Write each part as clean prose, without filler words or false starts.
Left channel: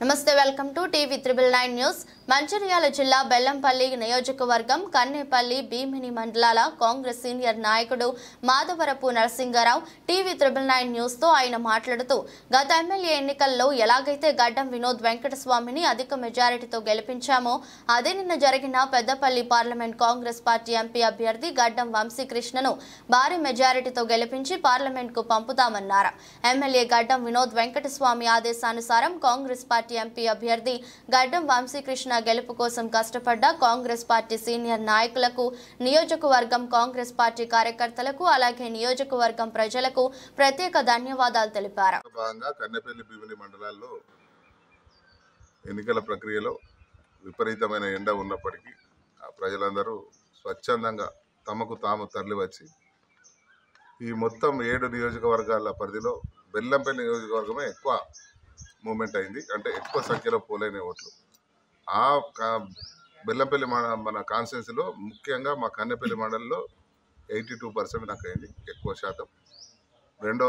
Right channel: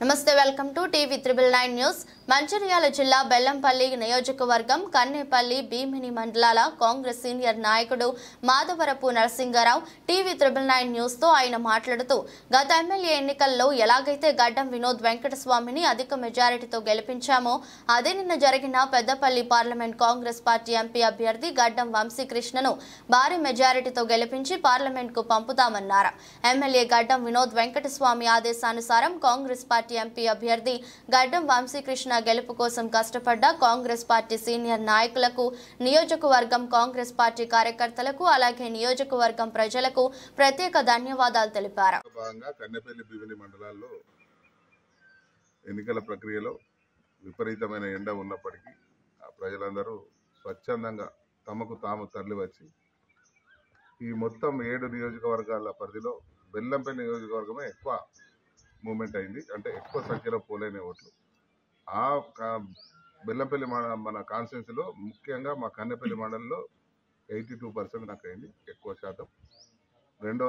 నమస్తే welcome to TV 999 news. Mancherial జిల్లా బెల్లంపల్లి నియోజకవర్గం కన్నేపల్లి భీమిని మండలాల కాంగ్రెస్ సీనియర్ నాయకుడు మాధవరపు నరసింగారావు టీవీ 999 న్యూస్ తో ఆయన మాట్లాడుతూ గత ఎమ్మెల్యే ఎన్నికల్లో ఎలాగైతే గడ్డం వినోద్ వెంకటస్వామిని అధిక మెజారిటీతో గెలిపించామో అదే నిన్న జరిగిన Peddapalli parliament Congress party MP అభ్యర్థి గడ్డం వంశీకృష్ణను భారీ మెజారిటీతో గెలిపించి పార్లమెంట్ కు పంపుతామన్నారు. ఎమ్మెల్యే గడ్డం వినోద్ వెంకటస్వామి ఆదేశానుసారం కాంగ్రెస్ పార్టీ ఎంపీ అభ్యర్థి గడ్డం వంశీకృష్ణ గెలుపు కోసం కష్టపడ్డ కాంగ్రెస్ పార్టీ సీనియర్ నాయకులకు, నియోజకవర్గం కాంగ్రెస్ పార్టీ కార్యకర్తలకు, అలాగే నియోజకవర్గం ప్రజలకు ప్రత్యేక ధన్యవాదాలు తెలిపారు. కన్నెపల్లి భీమిని మండలాల్లో ఎన్నికల ప్రక్రియలో విపరీతమైన ఎండ ఉన్నప్పటికీ ప్రజలందరూ స్వచ్ఛందంగా తమకు తాము తరలివచ్చి ఈ మొత్తం 7 నియోజకవర్గాల పరిధిలో బెల్లంపల్లి నియోజకవర్గమే ఎక్కువ మూమెంట్ అయింది. అంటే ఎక్కువ సంఖ్యలో పోలైన ఓట్లు ఆ బెల్లంపల్లి మన కాన్స్టిట్యున్సీలో ముఖ్యంగా మా కన్నెపల్లి మండలంలో 82% నాకు అయింది, ఎక్కువ శాతం. రెండో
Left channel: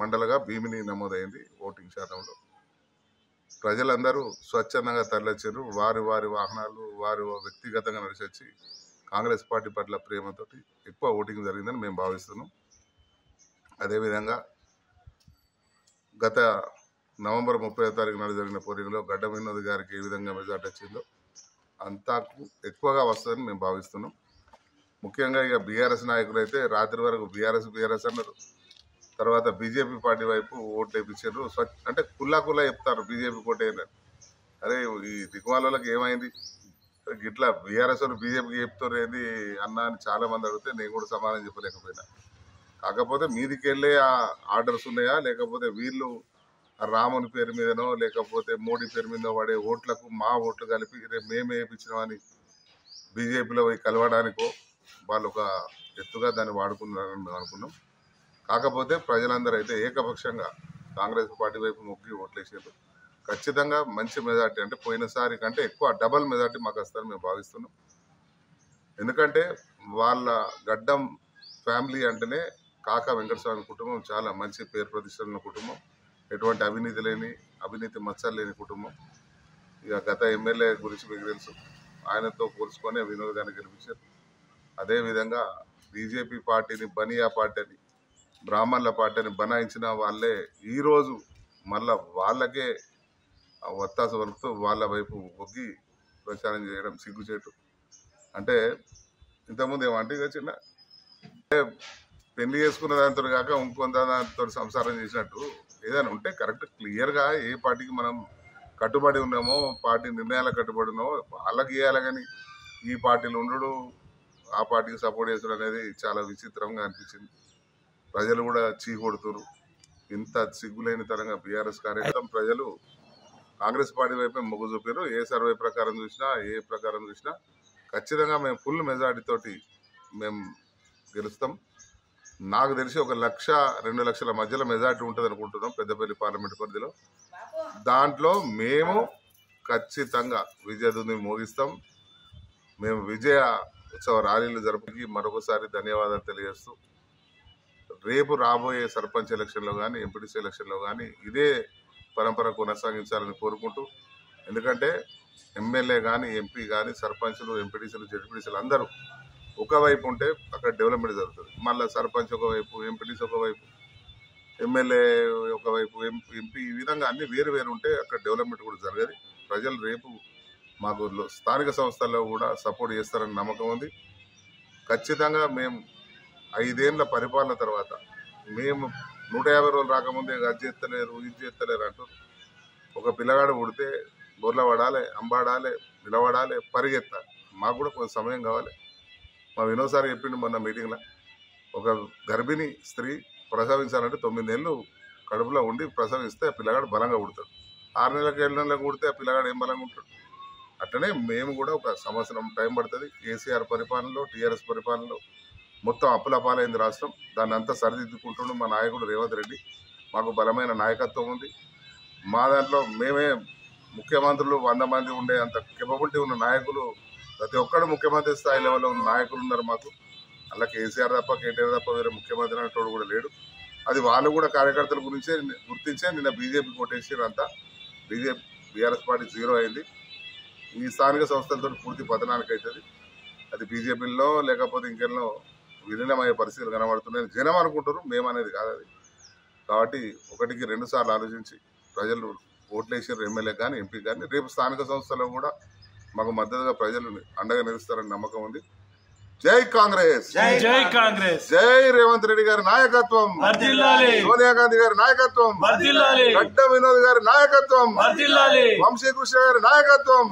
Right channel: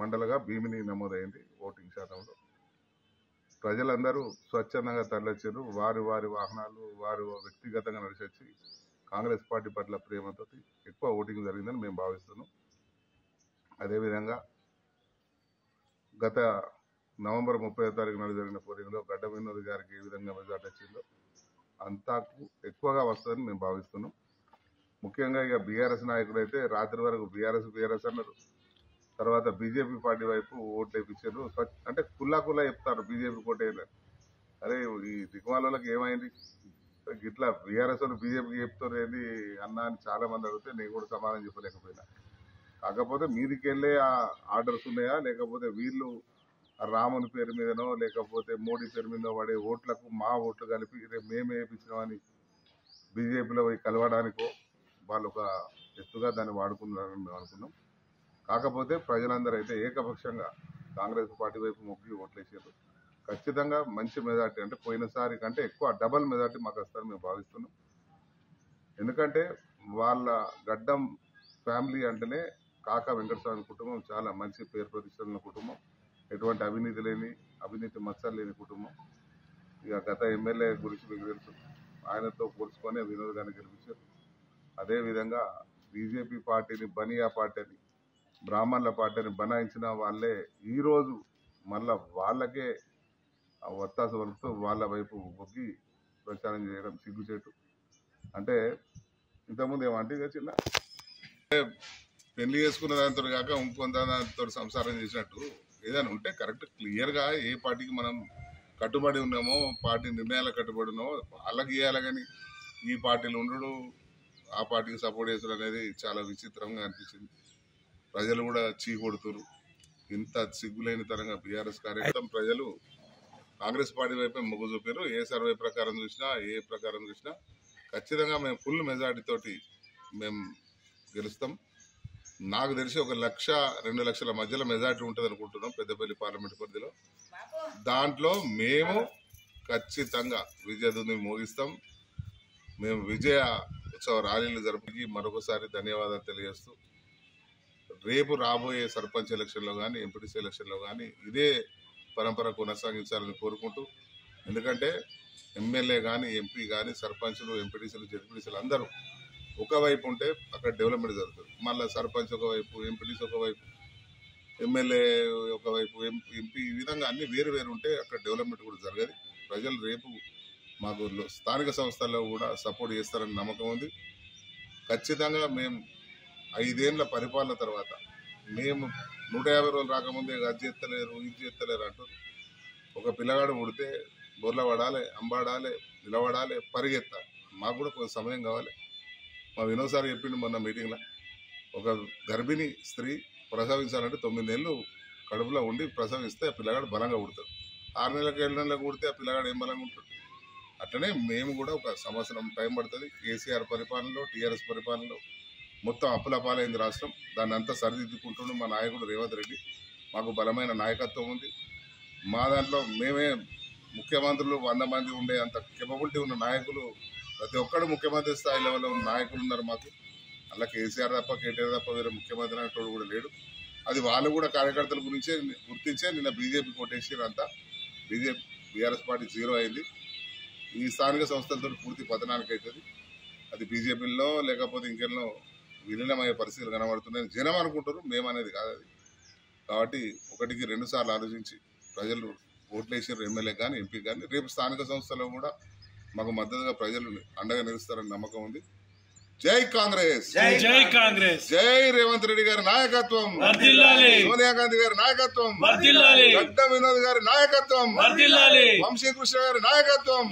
మండలంగా భీమిని నమోదైంది ఓటింగ్ శాతంలో. ప్రజలందరూ స్వచ్ఛందంగా తరలిచ్చారు. వారి వాహనాలు వారు వ్యక్తిగతంగా నడిచొచ్చి కాంగ్రెస్ పార్టీ పట్ల ప్రేమతో ఎక్కువ ఓటింగ్ జరిగిందని మేము భావిస్తున్నాం. అదేవిధంగా గత నవంబర్ 30వ తారీఖు నాడు జరిగిన పోలింగ్లో గడ్డం వినోద్ గారికి ఏ విధంగా మెజార్టీ వచ్చిందో అంతకు ఎక్కువగా వస్తుందని మేము భావిస్తున్నాం. ముఖ్యంగా ఇక బీఆర్ఎస్ నాయకులు అయితే రాత్రి వరకు బీఆర్ఎస్ అన్నారు, తర్వాత బీజేపీ పార్టీ వైపు ఓట్లు వేయించారు. అంటే కుల్లా చెప్తారు బీజేపీ కోటేయాలని. అరే ఈ దిగుమాలకి ఏమైంది, ఇట్లా బీఆర్ఎస్ వాళ్ళు బీజేపీకి చెప్తారు ఏంది అన్న అని చాలా మంది అడిగితే నేను కూడా సమాధానం చెప్పలేకపోయినా. కాకపోతే మీదికి వెళ్ళే ఆర్డర్స్ ఉన్నాయా, లేకపోతే వీళ్ళు రాముని పేరు మీదనో లేకపోతే మోడీ పేరు మీదనో పడే ఓట్లకు మా ఓట్లు కలిపి రేపు మేమే వేయించినామని బీజేపీలో పోయి కలవడానికో వాళ్ళు ఒక ఎత్తుగా దాన్ని వాడుకున్నారని మేము అనుకున్నాం. కాకపోతే ప్రజలందరూ అయితే ఏకపక్షంగా కాంగ్రెస్ పార్టీ వైపు మొగ్గి ఓట్లేసారు. ఖచ్చితంగా మంచి మెజార్టీ, అంటే పోయినసారి కంటే ఎక్కువ డబల్ మెజార్టీ మాకు వస్తారని మేము భావిస్తున్నాం. ఎందుకంటే వాళ్ళ గడ్డం ఫ్యామిలీ అంటేనే కాకా వెంకటస్వామి కుటుంబం చాలా మంచి పేరు ప్రతిష్టల కుటుంబం, ఎటువంటి అవినీతి మచ్చలు లేని కుటుంబం. ఇక గత ఎమ్మెల్యే గురించి మీకు తెలుసు, ఆయనతో పోల్చుకొని వినోద్ గారిని గెలిపించారు. అదేవిధంగా బీజేపీ పార్టీని బనియా పార్టీ అని, బ్రాహ్మణుల పార్టీని బనాయించిన వాళ్ళే ఈరోజు మళ్ళా వాళ్ళకే ఒత్తాసు వలుపుతూ వాళ్ళ వైపు ఒగ్గి ప్రచారం చేయడం సిగ్గుచేటు. అంటే ఇంతకుముందు ఏమంటే ఇక చిన్న పెళ్లి చేసుకున్న దాంతో కాక ఇంకొంత దాంతో సంసారం చేసినట్టు ఏదైనా ఉంటే కరెక్ట్ క్లియర్గా ఏ పార్టీకి మనం కట్టుబడి ఉన్నామో, పార్టీ నిర్ణయాలకు కట్టుబడి ఉన్నామో వాళ్ళకి చేయాలి. కానీ ఈ పార్టీలు ఉండడు ఆ పార్టీకి సపోర్ట్ చేస్తారు అనేది చాలా విచిత్రంగా అనిపించింది. ప్రజలు కూడా చీకొడుతురు. ఇంత సిగ్గులేని తరంగా బీఆర్ఎస్ కార్యక్రమం ప్రజలు కాంగ్రెస్ పార్టీ వైపే మొగ్గు చూపారు. ఏ సర్వే ప్రకారం చూసినా ఏ ప్రకారం చూసినా ఖచ్చితంగా మేము ఫుల్ మెజార్టీ తోటి మేము గెలుస్తాం. నాకు తెలిసి 1-2 లక్షల మధ్యలో మెజార్టీ ఉంటుంది అనుకుంటున్నాం పెద్దపల్లి పార్లమెంట్ పరిధిలో. దాంట్లో మేము ఖచ్చితంగా విజయదుని మోగిస్తాం. మేము విజయ ఉత్సవ ర్యాలీలు జరుపుకి మరొకసారి ధన్యవాదాలు తెలియజేస్తూ రేపు రాబోయే సర్పంచ్ ఎలక్షన్లో కానీ ఎంపీటీసీ ఎలక్షన్లో కానీ ఇదే పరంపర కొనసాగించాలని కోరుకుంటూ, ఎందుకంటే ఎమ్మెల్యే కానీ ఎంపీ కానీ సర్పంచులు ఎంపీటీసీలు జెడ్పీటీసీలు అందరూ ఒకవైపు ఉంటే అక్కడ డెవలప్మెంట్ జరుగుతుంది. మళ్ళీ సర్పంచ్ ఒకవైపు, ఎంపీటీసీ ఒకవైపు, ఎమ్మెల్యే ఒకవైపు, ఎంపీ, ఈ విధంగా అన్ని వేరు ఉంటే అక్కడ డెవలప్మెంట్ కూడా జరగదు. ప్రజలు రేపు మాకు స్థానిక సంస్థల్లో కూడా సపోర్ట్ చేస్తారని నమ్మకం ఉంది. ఖచ్చితంగా మేము 5 ఏళ్ళ పరిపాలన తర్వాత మేము 150 రోజులు రాకముందే అది చేస్తలేరు ఇది చేస్తలేరు అంటూ ఒక పిల్లగాడు పుడితే బోర్ల పడాలి, అంబాడాలి, నిలబడాలి, పరిగెత్తాలి. మాకు కూడా కొంత సమయం కావాలి. మా వినోద్ సార్ చెప్పిండు మొన్న మీటింగ్లో, ఒక గర్భిణీ స్త్రీ ప్రసవించాలంటే 9 నెలలు కడుపులో ఉండి ప్రసవిస్తే ఆ పిల్లగాడు బలంగా పుడతాడు. 6 నెలలకు 7 నెలలకు పుడితే ఆ పిల్లగాడు ఏం బలంగా ఉంటాడు. అట్లనే మేము కూడా ఒక సంవత్సరం టైం పడుతుంది. కేసీఆర్ పరిపాలనలో, టీఆర్ఎస్ పరిపాలనలో మొత్తం అప్పుల పాలైంది రాష్ట్రం. దాన్ని అంతా సరిదిద్దుకుంటుండు మా నాయకుడు రేవంత్ రెడ్డి. మాకు బలమైన నాయకత్వం ఉంది. మా దాంట్లో మేమే ముఖ్యమంత్రులు 100 మంది ఉండే అంత కెపబిలిటీ ఉన్న నాయకులు, ప్రతి ఒక్కరు ముఖ్యమంత్రి స్థాయి లెవెల్లో ఉన్న నాయకులు ఉన్నారు మాకు. అలా కేసీఆర్ తప్ప కేటీఆర్ తప్ప వేరే ముఖ్యమంత్రి అనేటోడు కూడా లేడు. అది వాళ్ళు కూడా కార్యకర్తల గురించే గుర్తించే నిన్న బీజేపీ కొట్టేసారు. అంతా బీఆర్ఎస్ పార్టీ 0 అయింది. ఈ స్థానిక సంస్థలతో పూర్తి పతనానికి అవుతుంది. అది బీజేపీలో లేకపోతే ఇంకెన్నో విలీనమయ్యే పరిస్థితులు కనబడుతున్నాయని జనం అనుకుంటారు, మేమనేది కాదు అది. కాబట్టి 1కి 2 సార్లు ఆలోచించి ప్రజలు ఓట్లేసారు, ఎమ్మెల్యే కానీ ఎంపీ కానీ. రేపు స్థానిక సంస్థల్లో కూడా మాకు మద్దతుగా ప్రజలు అండగా నిలుస్తారని నమ్మకం ఉంది. జై కాంగ్రెస్, జై కాంగ్రెస్, జై రేవంత్ రెడ్డి గారి నాయకత్వం, సోనియా గాంధీ గారి నాయకత్వం, గడ్డ వినోద్ గారి నాయకత్వం, వంశీ కృష్ణ గారి నాయకత్వం.